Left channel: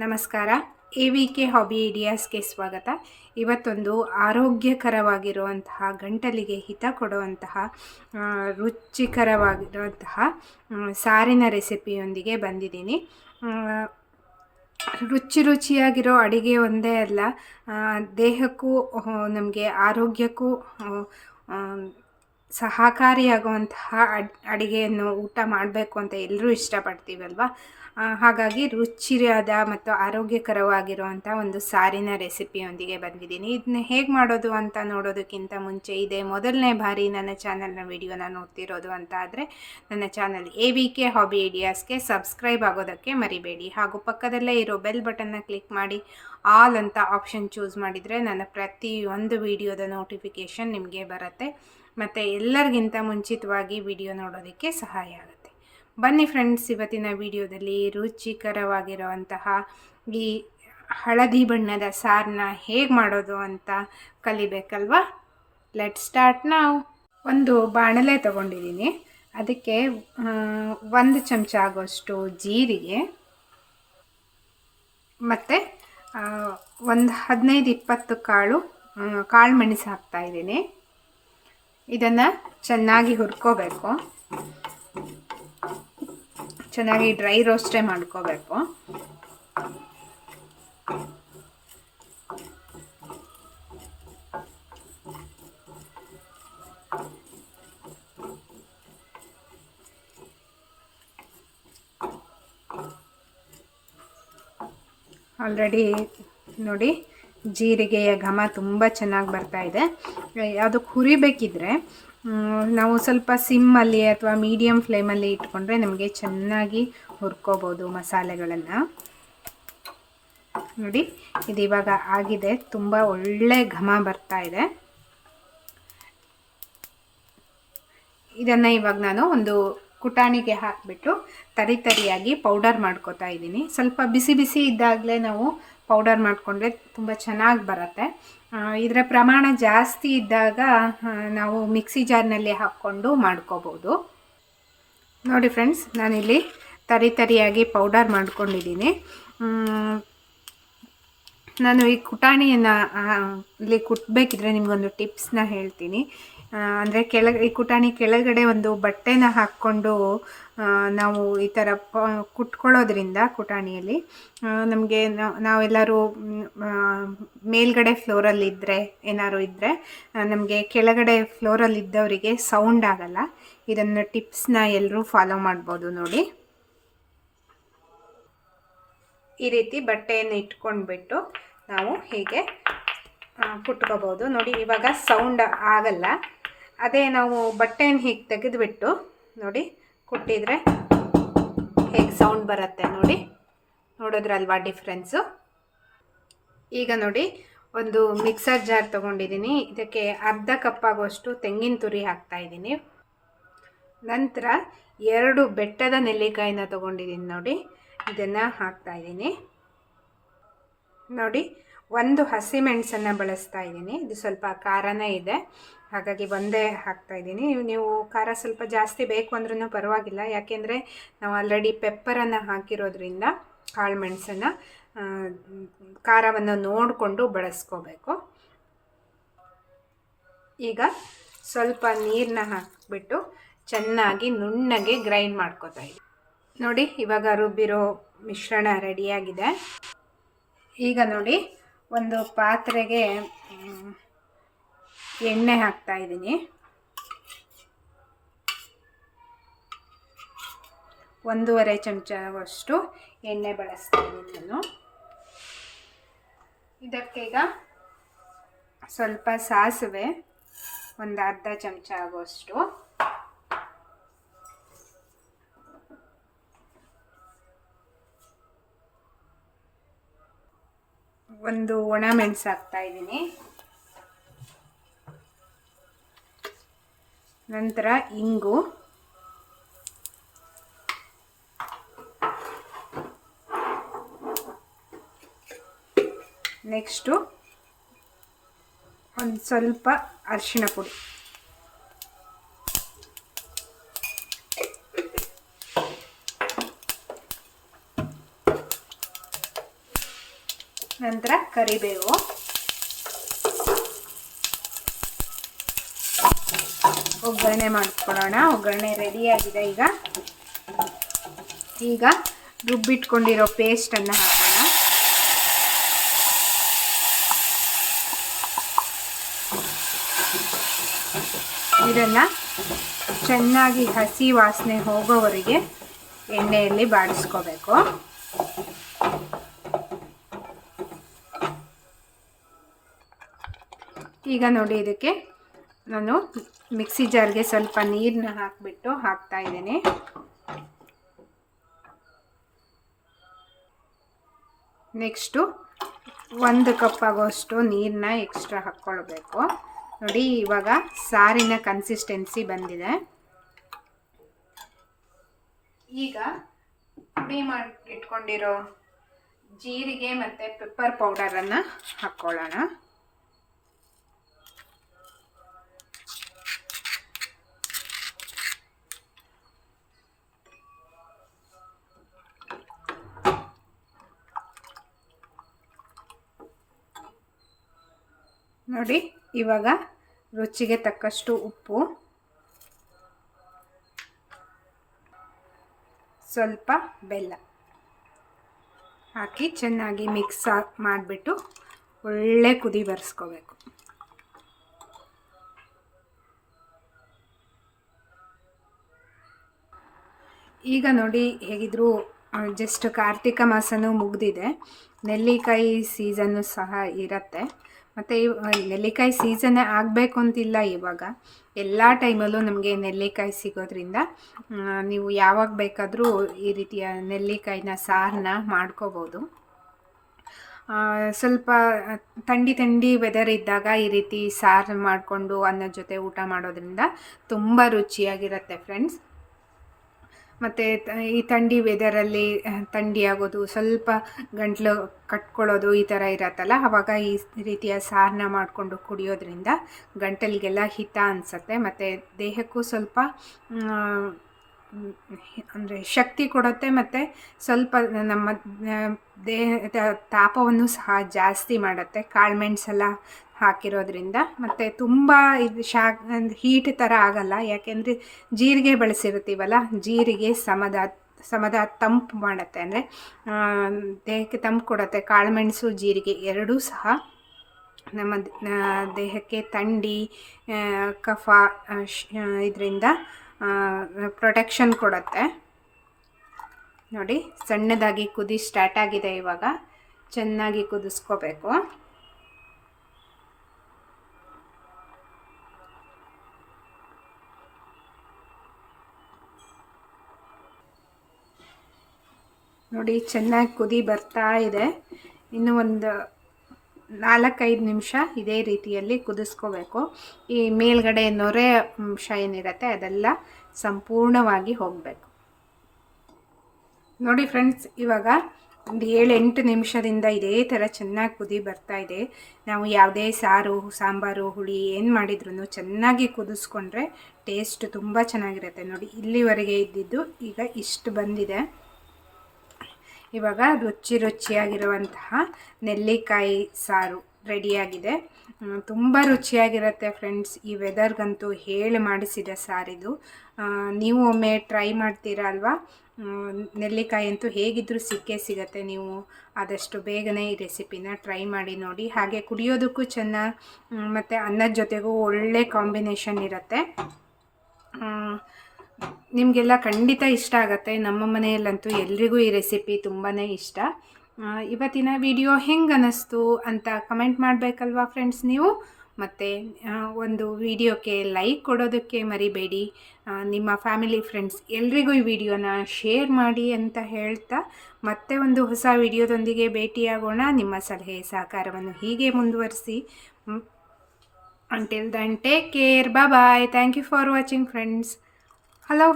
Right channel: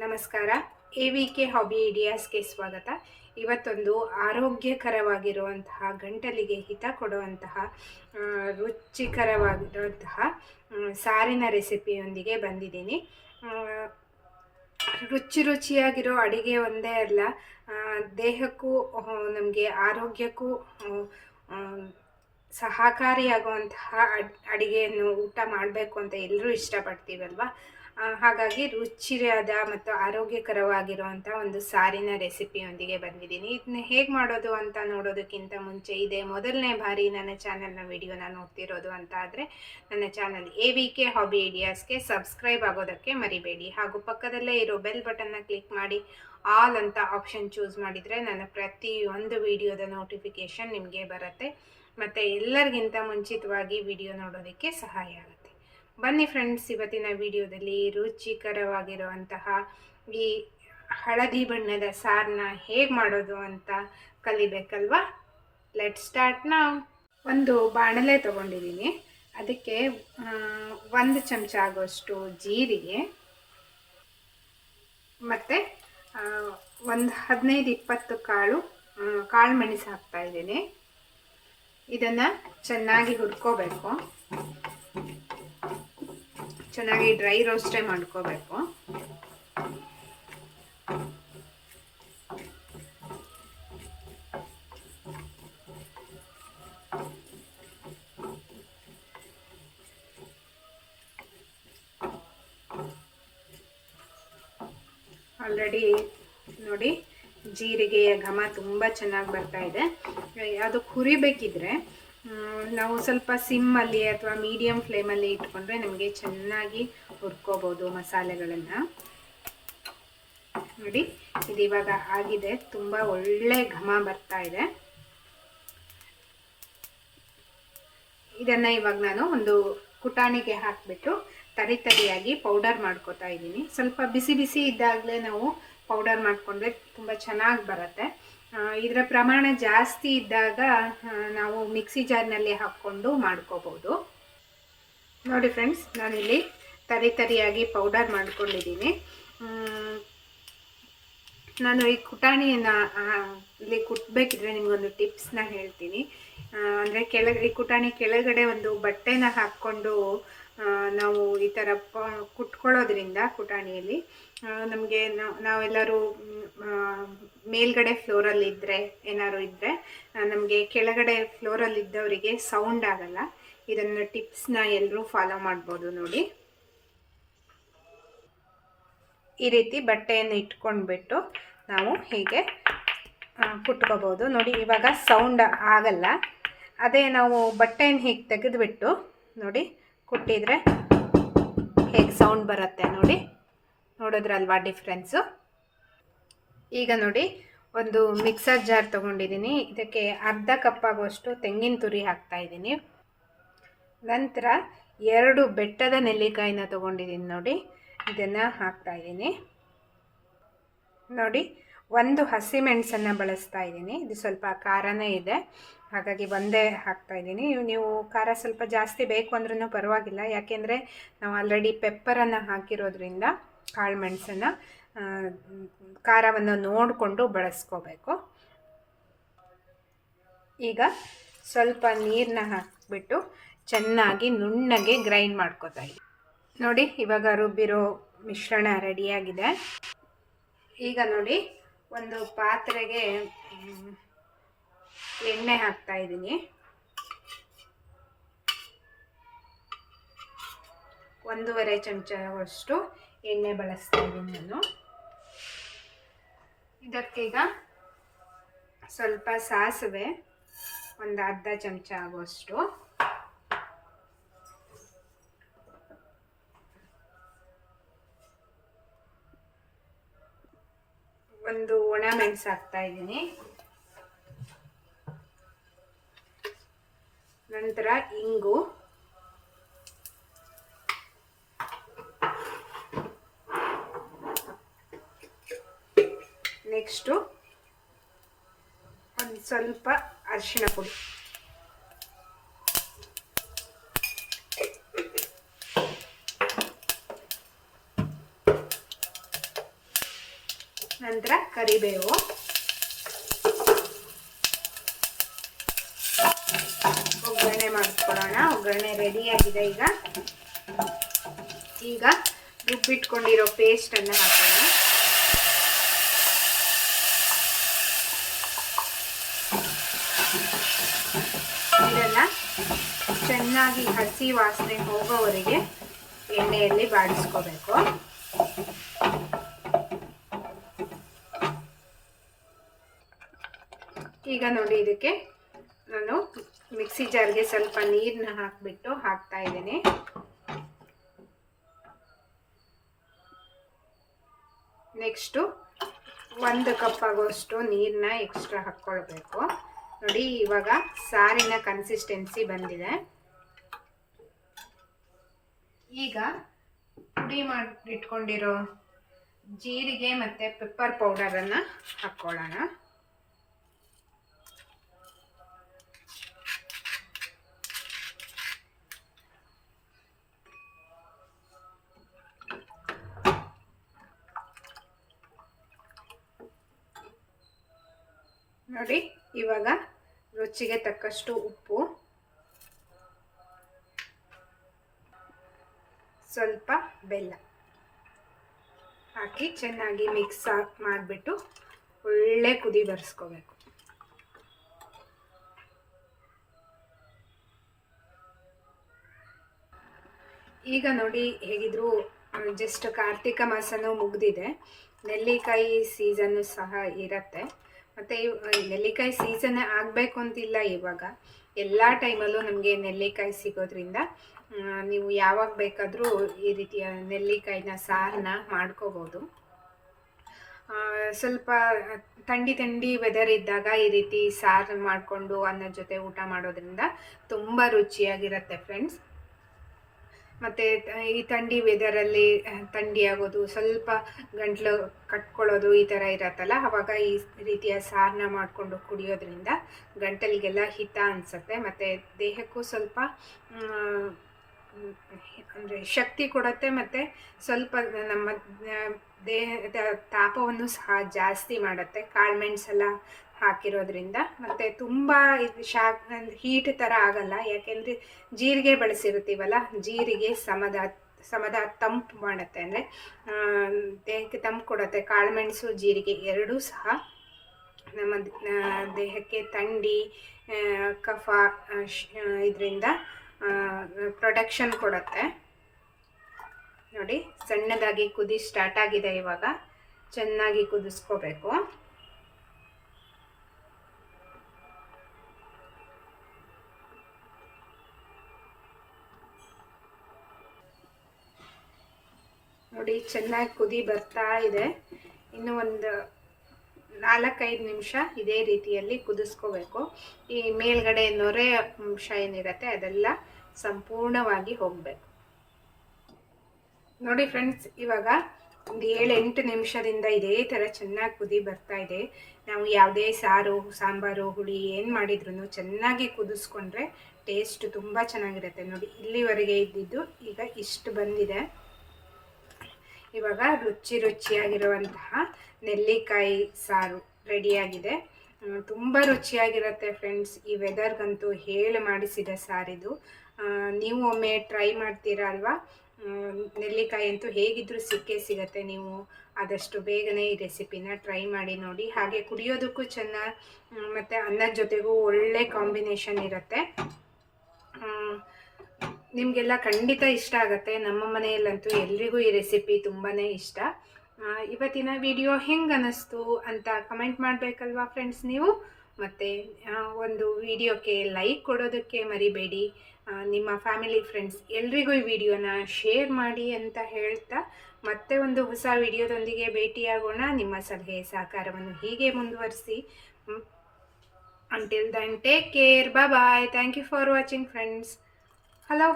ನಮಸ್ಕಾರ. A V K hobby ಐಡಿಯಾಸ್ಗೆ ಸ್ವಾಗತ. ಇವತ್ತೊಂದು ಆರೋಗ್ಯಕರವಾಗಿರುವಂತಹ, ಗಂಟಲಿಗೆ ಹಿತ ಕೊಡುವಂತಹ ರುಚಿಕರವಾಗಿರುವಂತಹ ಸಾರಿನ ರೆಸಿಪಿಯೊಂದಿಗೆ ಬಂದಿದ್ದೀನಿ. ರುಚಿ ರುಚಿಯಾಗಿರೋ ಅಡಿಗೆ ಒಂದೇ ಅಲ್ಲ ದೇಹಕ್ಕೂ ನಮಗೆ ಆರೋಗ್ಯಕ್ಕೂ ಸಹಕಾರಿಯಾಗುವಂತಹ ಅಡ್, ಅಡುಗೆಯನ್ನು ಊಟ ಮಾಡಬೇಕು ಅಂತ ಎಲ್ಲರೂ ಇಷ್ಟಪಡ್ತೀವಲ್ವಾ? ಹಾಗಾಗಿ ರುಚಿಯಾದ ಮತ್ತು ಆರೋಗ್ಯಕರವಾಗಿರುವಂಥ ಒಂದು ಸಾರಿನ ರೆಸಿಪಿಯೊಂದಿಗೆ ಬಂದಿದ್ದೀನಿ. ಇದನ್ನ ಹೇಗೆ ಮಾಡೋದು ಅಂತ ನೋಡೋದಕ್ಕಿಂತ ಮುಂಚೆ ಇದೆ ಮೊದಲನೇ ಬಾರಿ ನನ್ನ ಚಾನಲ್ನ ವಿಡಿಯೋನ ನೋಡ್ತಿರೋದು ಅಂತ ಆದರೆ ನನ್ನ channel A V K hobby ಐಡಿಯಾಸ್ಗೆ subscribe ಆಗೋದಕ್ಕೆ ಮರಿಬೇಡಿ. ಹಾಗೂ ಪಕ್ಕದಲ್ಲೇ ಇರೋ ಬೆಲ್ ಬಟನ್ನ ಕ್ಲಿಕ್ ಮಾಡಿ ಆಲ್ ಅಂತ ಆಪ್ಷನ್ ಚೂಸ್ ಮಾಡಿದರೆ ನನ್ನ ಪ್ರತಿಯೊಂದು ವಿಡಿಯೋದ ನೋಟಿಫಿಕೇಷನ್ ನಿಮಗೆ ಬರುತ್ತೆ. ಮತ್ತು ಎಲ್ಲರಿಗಿಂತ ಮುಂಚಿತವಾಗಿ ವಿಡಿಯೋ ನೋಡೋದಕ್ಕೆ ಸಹಾಯ ಬನ್ನಿ ಫ್ರೆಂಡ್ಸ್ ಇವತ್ತಿನ ವಿಡಿಯೋದಲ್ಲಿ ರುಚಿಕರವಾಗಿರುವಂತಹ ಈ ಹಳದಿ ಬಣ್ಣದ ಸಾರನ್ನ ಹೇಗೆ ಮಾಡೋದು ಅಂತ ಕಲಿಬೇಕಲ್ವಾ? ಲೆಟ್ ಸ್ಟಾರ್ಟ್ ನಾವು ಒಂದು ಬಾಣಲೆ ತಗೊಂಡಿದ್ದೀನಿ. ಅದಕ್ಕೆ ಒಂದು ಚಮಚ ಆಗುವಷ್ಟು ಜೀರಿಗೆ, ಮತ್ತು ಒಂದು ಹದಿನೈದು ಇಪ್ಪತ್ತು ಕಾಳು ಕಾಳು ಮೆಣಸು ಹಾಕ್ತಾ ಇದ್ದೀನಿ. ಇದನ್ನು ಚೆನ್ನಾಗಿ ಹುರ್ಕೋಬೇಕು. ಚೆನ್ನಾಗಿ ಡ್ರೈ ರೋಸ್ಟೇ ಮಾಡ್ಕೋಬೇಕು. ಆಲ್ರೆಡಿ ನೋಡಿ ಜೀರಿಗೆಯ ಘಮ ತುಂಬ ಚೆನ್ನಾಗಿ ಬರ್ತಾ ಇದೆ. ಅದಕ್ಕೆ ಹುರಿಬೇಕಿದ್ರೆ ನಾವು ಸ್ವಲ್ಪ ಸಿಮ್ಮಲ್ಲಿ ಅಥವಾ ಮೀಡಿಯಮ್ ಫ್ಲೇಮಲ್ಲಿ ಇಟ್ಕೊಂಡ್ರೆ ನಮಗೆ ಚೆನ್ನಾಗಿ ಹುರ್ಕೋಬೋದು ಮಸಾಲೆಗಳನ್ನು. ನೋಡಿ, ಇದು ಇವಾಗ ಆಗಿದೆ. ತುಂಬ ಒಳ್ಳೆ ಘಮ ಬರ್ತಾ ಇದೆ. ಇದನ್ನು ಇವಾಗ ನಾನು ಒಂದು ಕುಟಾಣಿಗೆ ಹಾಕಿಬಿಟ್ಟು ತರಿ ತರಿಯಾಗಿ ಪೌಡರ್ ಮಾಡ್ಕೋತಾ ಇದ್ದೀನಿ. ಸ್ವಲ್ಪ ಬಿಸಿ ಬಿಸಿ ಇದ್ದಾಗಲೇ ನಾವು ಪೌಡರ್ ಮಾಡಿಕೊಂಡ್ರೆ ತುಂಬ ಚೆನ್ನಾಗಿ ಬರುತ್ತೆ. ಇದರ ಪ್ರಮಾಣ ಜಾಸ್ತಿ ಇದ್ದಾಗ ನಾವು ಮಿಕ್ಸಿ ಜಾರ್ನಲ್ಲಿ ಹಾಕ್ಕೊಂಡು ಮಾಡ್ಕೋಬೋದು. ನೋಡಿ ಫ್ರೆಂಡ್ಸ್, ನಾನಿಲ್ಲಿ ತರಿ ತರಿಯಾಗಿ ಪೌಡರ್ ಮಾಡ್ಕೊಂಡಿದ್ದೀನಿ. ನಾನು ಈ ಕುಟಾಣಿಯನ್ನು ಇಲ್ಲಿ ಕುಟ್ಬೇಕಿದ್ರೆ ನಿಮಗೊಂದು ಟಿಪ್ಸ್ನ ಹೇಳ್ತೀನಿ. ಅಂದರೆ ಕೆಳಗೆ, ಈ ಕುಟಾಣಿ ಕೆಳಗಡೆ ಒಂದು ಬಟ್ಟೆನ ಹಾಕ್ಕೊಂಡು ನಾವು ಈ ಥರ ಪ, ಕುಟ್ಕೊಳ್ಳೋದ್ರಿಂದ ಕುಟಾಣಿಯಲ್ಲಿ ನಮಗೆ ನಾವೆಲ್ಲರೂ ಮೇಲ್ಗಡೆ ಫ್ಲೋರಲ್ಲಿ ಇದ್ದರೆ ಏನಾದ್ರು ಇದ್ದರೆ ನಮಗೆ ಕೆಳಗಡೆ ಫ್ಲೋರಲ್ಲಿ ಇದ್ದವರಿಗೆ ಸೌಂಡ್ ಆಗಲ್ಲ. ಇದನ್ನು ಟಿಪ್ಸ್ನ ಎಲ್ಲರೂ ಫಾಲೋ ಮಾಡ್ಬೋದು ನೋಡಿ. ಈ ರೀತಿ ಬಟ್ಟೆಯನ್ನು ಇಟ್ಕೊಂಡ್ಬಿಟ್ಟು ನಾವು ಹೀಗೆ ಕುಟ್ಕೋಬೋದು. ನೋಡಿ, ಇವಾಗ ಸೌಂಡ್ ಆಗಲ್ಲ. ಅದೇ ನಾವು ಬಟ್ಟೆಯನ್ನು ಹೀಗೆ ತೆಗೆದುಬಿಟ್ಟು ನೋಡಿ ಕುಟ್ಟಿದರೆ ಹೇಗೆ ಸೌಂಡ್ ಬರುತ್ತೆ ನೋಡಿ. ನೋಡಿದ್ರಲ್ವಾ ಡಿಫ್ರೆನ್ಸು ಈಗ ನೋಡಿ ಒಂದು ಮಿಕ್ಸರ್ ಜಾರ್ ತೊಗೊಂಡಿದ್ದೀನಿ ಇದಕ್ಕೆ ಅರ್ಧ ಕಪ್ಪಾಗುವಷ್ಟು ತೆಂಗಿನ ತುರಿ ಹಾಕ್ತಾ ಇದ್ದೀನಿ ನಂತರ ಎರಡು ಬೆಟ್ಟದ ನೆಲ್ಲಿಕಾಯಿನ ತೊಗೊಂಡಿದ್ದೀನಿ ನೋಡಿ. ಇದನ್ನು ಹಾಕ್ತಾ ಇದ್ದೀನಿ ನೋಡಿ, ಒಂದು ಹಸಿಮೆಣಸನ್ನು ಬಳಸ್ತಾ ಇದ್ದೀನಿ ಇದು ಸ್ವಲ್ಪ ಖಾರನೇ ಇದೆ. ಹಾಗಾಗಿ ಒಂದೇ ಹಾಕ್ತಾ ಇದ್ದೀನಿ. ನೀವು ಖಾರ ಸ್ವಲ್ಪ ಜಾಸ್ತಿ ಬೇಕು ಅಂದ್ರೂ ಪರವಾಗಿಲ್ಲ. ಯಾಕೆಂದರೆ ನಾವು ಆಲ್ರೆಡಿ ಪೆಪ್ಪರನ್ನು ಹಾಕಿರೋದ್ರಿಂದ ಕಾಳು ಮೆಣಸನ್ನು ಖಾರವನ್ನು ನೋಡಿಕೊಂಡು ಬಳಸ್ಕೋಬೇಕು. ಈಗ ಸ್ವಲ್ಪ ನೀರನ್ನ ಹಾಕಿಬಿಟ್ಟು ಚೆನ್ನಾಗಿ ನುಣ್ಣಗೆ ಗ್ರೈಂಡ್ ಮಾಡ್ಕೋತಾ ಇದ್ದೀನಿ. ನೋಡಿ, ಇವಾಗ ರುಬ್ಬಿರೋ ಮಿಶ್ರಣ ರೆಡಿಯಾಗಿದೆ ಈಗ ನೋಡಿ, ಒಂದು ಪಾತ್ರೆಗೆ ಎಣ್ಣೆ ಹಾಕ್ತಾ ಇದ್ದೀನಿ. ಒಂದೂವರೆ ಚಮಚವಷ್ಟು ಎಣ್ಣೆ ಬಳಸ್ತಾ ಇದ್ದೀನಿ ನಾನು. ಇದಕ್ಕೀಗ ಸ್ವಲ್ಪ ಸಾಸಿವೆ, ಒಂದು ಅರ್ಧ ಚಮಚ ಆಗುವಷ್ಟು. ಒಂದು ಒಣ ಮೆಣಸು ಹಾಕ್ತಾ ಇದ್ದೀನಿ. ನಂತರ ಇಂಗು. ನೆಕ್ಸ್ಟು ಒಂದು ಸ್ವಲ್ಪ ಅರಿಶಿಣ ಪುಡಿ. ನಂತರ ಕರಿಬೇವು. ಒಗ್ಗರಣೆ ಮಾಡ್ಕೊಳ್ಳೋಣ. ಒಗ್ಗರಣೆ ರೆಡಿಯಾಗಿದೆ ಈಗ. ಈಗ ರುಬ್ಬಿಟ್ಕೊಂಡಿರೋ ಪೇಸ್ಟನ್ನು ಹಾಕೋಣ. ಇದನ್ನು ಚೆನ್ನಾಗಿ ಹಸಿ ವಾಸನೆ ಹೋಗೋವರೆಗೆ ಎಣ್ಣೆಯಲ್ಲಿ ಬಾಡಿಸ್ಕೋಬೇಕು. ಈಗ ನೋಡಿ ಇದಕ್ಕೆ ನಾನು ಮಿಕ್ಸಿ ಜಾರ್ಗೆ ಸ್ವಲ್ಪ ನೀರನ್ನ ಹಾಕಿಬಿಟ್ಟು ಹಾಕ್ತಾ ಇದ್ದೀನಿ. ನೆಕ್ಸ್ಟು ಒಂದು ಕಪ್ ಆಗೋಷ್ಟು ನೀರನ್ನ ಎಕ್ಸ್ಟ್ರಾ ಹಾಕ್ಕೊಳ್ಬೇಕು. ನೋಡಿ, ಇವಾಗ ಸಾರಿನ ಕನ್ಸಿಸ್ಟೆನ್ಸಿ ಬಂದಿದೆ. ಈಗ ಪುಡಿ ಮಾಡಿ, ಇಟ್ಕೊಂಡಿರೋ ಜೀರಿಗೆ ಮತ್ತು ಪೆಪ್ಪರ್ ಪೌಡರನ್ನು ಹಾಕ್ಕೊಳ್ಳೋಣ. ನೋಡಿ, ಇವಾಗ ರುಚಿಗೆ ತಕ್ಕಷ್ಟು ಉಪ್ಪು. ಸ್ವಲ್ಪ ಬೆಲ್ಲ ಹಾಕಿ ಚೆನ್ನಾಗಿ ಮಿಕ್ಸ್ ಮಾಡಿಬಿಟ್ಟು ಒಳ್ಳೆ ಕುದಿ ಬರೆಸ್ಕೋಬೇಕು. ಈಗ ನೋಡಿ ಹೇಗಿದ್ರು ಜಸ್ಟ್ ಕಾರ್ತಿಕ ಮಾಸನೂ ಮುಗಿದಿದೆ. ನೆಲ್ಲಿಕಾಯಿ ಸೀಸನ್ನು ಸಹ ಇರುತ್ತೆ. ಮತ್ತು ನೆಲ್ಲಿಕಾಯಿ ಸೀಸನ್ನೇ ಆಗಬೇಕು ಅಂತಿಲ್ಲ ಇವಾಗ. ಎಲ್ಲ ಟೈಮಲ್ಲೂ ನಮಗೆ ನೆಲ್ಲಿಕಾಯಿ ಸಿಗೋದ್ರಿಂದ ನೀವು ಯಾವಾಗ ಬೇಕಾದರೂ ಈ ರೀತಿಯ ನೆಲ್ಲಿಕಾಯಿನ ಸಾರನ್ನ ಮಾಡ್ಕೋಬೋದು. ಸ್ವಲ್ಪ ಥಂಡಿ ಥಂಡಿ ವೆದರ್ ಇದ್ದಾಗ ಈ ರೀತಿ ಸಾರು ಮಾಡಿಕೊಂಡು ಅನ್ನದ ಜೊತೆ ಊಟ ಮಾಡೋದ್ರಿಂದ ತುಂಬ ರುಚಿಯಾಗಿರುತ್ತೆ ಫ್ರೆಂಡ್ಸ್ ಮತ್ತು ಈ ಥಂಡಿ ವೆದರಲ್ಲಿ ಥಂಡಿ ಆಗೋದು, ಸ್ವಲ್ಪ ಗಂಟ್ಲು ಕಟ್ಕೊಳ್ಳೋದು ಈ ಥರ ಇರತ್ತಲ್ಲ? ಆವಾಗ ಈ ರೀತಿಯ ಸಾರನ ಮಾಡಿಕೊಂಡು ಕುಡಿಯೋದ್ರಿಂದ ಗಂಟಲಿಗೆಲ್ಲ ಹಿತ ಅನಿಸುತ್ತೆ. ಮತ್ತು ದೇಹಕ್ಕೂ ಸ್ವಲ್ಪ ಅಂದರೆ ಶಕ್ತಿ ಕೊಡುತ್ತೆ. ಮತ್ತು ಸ್ವಲ್ಪ ನಮ್ಮ ದೇಹದ ತಾಪವನ್ನು ಸಹ ಜಾಸ್ತಿ ಮಾಡುತ್ತೆ. ಕಾಳುಮೆಣ್ಸೆಲ್ಲ ಹಾಕಿರೋದ್ರಿಂದ ಮತ್ತು ತುಂಬ ಇದು ಶಾಕ್ ಹೀಟ್ ಥರ ಆಗಲ್ಲ. ಯಾಕೆಂದರೆ ಜೀರಿಗೆ ಬಳಸಿರ್ತೀವಲ್ಲ ಜೀರಿಗೆ ಸಮದ ಸಮದ ತಂಪು ಮಾಡುತ್ತೆ. ಅಂದರೆ ದೇಹಕ್ಕೆ ತಂಪು ಕೊಡುತ್ತೆ. ಕಾಳುಮೆಣಸು, ಜೀರಿಗೆ ಎರಡೂ ಸಹ ನಮ್ಮ ದೇಹಕ್ಕೆ ಥಂಡಿ ಕಫ ಇದರಿಂದ ಪ್ರೊಟೆಕ್ಷನ್ ಕೊಡುತ್ತೆ. ನೋಡಿ, ಸಣ್ಣದಾಗಿ ಕುದಿ ಸ್ಟಾರ್ಟ್ ಆಗಿದೆ ಇವಾಗ. ಚೆನ್ನಾಗಿ ಕುದಿಸ್ಕೋಬೇಕು. ನೋಡಿ, ಚೆನ್ನಾಗಿ ಕುದಿ ಬರ್ತಾ ಇದೆ. ಇನ್ನು ಒಂದು ನಾಲ್ಕೈದು ನಿಮಿಷ ಇದೇ ರೀತಿಯಲ್ಲಿ ಕುದಿಸ್ಕೋಬೇಕು. ಈ ಮೇಲ್ಗಡೆ ನೊರೆ ಅಂಶ ಏನಿರುತ್ತೆ, ಅದೆಲ್ಲ ಸಂಪೂರ್ಣವಾಗಿ ಹೋಗಬೇಕು. ನೋಡಿ ಫ್ರೆಂಡ್ಸ್, ಇವಾಗ ಒಂದು ಏಳೆಂಟು ನಿಮಿಷದಿಂದ ಇದೇ ಥರ ಚೆನ್ನಾಗಿ ಕುದಿ ಬರ್ತಾ ಇದೆ. ನಾವು ಯಾವುದೇ ಸಾರು, ಸಾಂಬಾರು, ಹುಳಿ ಏನು ಮಾಡಿದ್ರು ಚೆನ್ನಾಗಿ ಕುದಿಸ್ಕೊಂಡ್ರೆ ಟೇಸ್ಟ್ ತುಂಬ ಚೆನ್ನಾಗಿರುತ್ತೆ. ನೋಡಿ, ಇಲ್ಲಿವರೆಗೆ ಇದ್ದಿದ್ದು ಈಗ ಇಷ್ಟು ಬಂದಿದೆ. ಇವಾಗ ರುಚಿ ರುಚಿಯಾಗಿರುವಂತಹ ನೆಲ್ಲಿಕಾಯಿ ಸಾರು ರೆಡಿಯಾಗಿದೆ. ತುಂಬ ರುಚಿಯಾಗಿರುತ್ತೆ ಫ್ರೆಂಡ್ಸ್. ಈ ವೆದರ್ಗಂತೂ ಹೇಳಿ ಮಾಡಿಸಿದ ಸಾರಿದು. ನೀವು ಒಮ್ಮೆ ಟ್ರೈ ಮಾಡ್ತೀರಾ ಅಲ್ವಾ? ನೆಲ್ಲಿಕಾಯಿ ಅಂತೂ ಹೇಗಿದ್ದರೂ ಸಿಕ್ಕೇ ಸಿಗತ್ತೆ. ನೀವು ಆದಷ್ಟು ಬೇಗನೆ ಈ ರೆಸಿಪಿನ ಟ್ರೈ ಮಾಡಿ ನೋಡಿ. ಹಾಗೆ ಕುಡಿಯೋದಕ್ಕೂ ಚೆನ್ನ ಮತ್ತು ಅನ್ನದ ಜೊತೆಗೂ ಒಳ್ಳೆ ಕಾಂಬಿನೇಷನ್ ಇರುತ್ತೆ. ನಿಮಗೆಲ್ಲ ಖಂಡಿತ ಇಷ್ಟ ಆಗುತ್ತೆ. ನಮ್ಮ ಮನೆಯಲ್ಲಂತೂ ಎಲ್ರಿಗೂ ಈ ರೆಸಿಪಿ ತುಂಬಾ ಇಷ್ಟ. ಇವತ್ತಿನ ವಿಡಿಯೋ ಹೆಂಗೆ ಅನ್ನಿಸ್ತು ಅಂತ ಕಮೆಂಟ್ ಮಾಡಬೇಕಲ್ವಾ ಫ್ರೆಂಡ್ಸ್ ನೀವು? ಮತ್ತು ಒಂದು ವಿಡಿಯೋಕ್ಕೆ ಲೈಕ್ ಕೊಡೋದಕ್ಕೆ ಮರಿಬೇಡಿ. ನಿಮ್ಮ ಫ್ಯಾಮಿಲಿ ಫ್ರೆಂಡ್ಸ್ ಎಲ್ರಿಗೂ ಈ ವಿಡಿಯೋನ ಶೇರ್ ಮಾಡಿ ಅಂತ ಹೇಳ್ತಾ, ಮತ್ತೆ ಒಂದು ಹೊಸ ವಿಡಿಯೋದೊಂದಿಗೆ ಭೇಟಿಯಾಗೋಣ. ನಿಮ್ಮ ಸಲಹೆ ಸಹಕಾರವನ್ನು ಹೀಗೆ ಮುಂದುವರಿಸಿ. Until then take care bye thank you for watching friends hello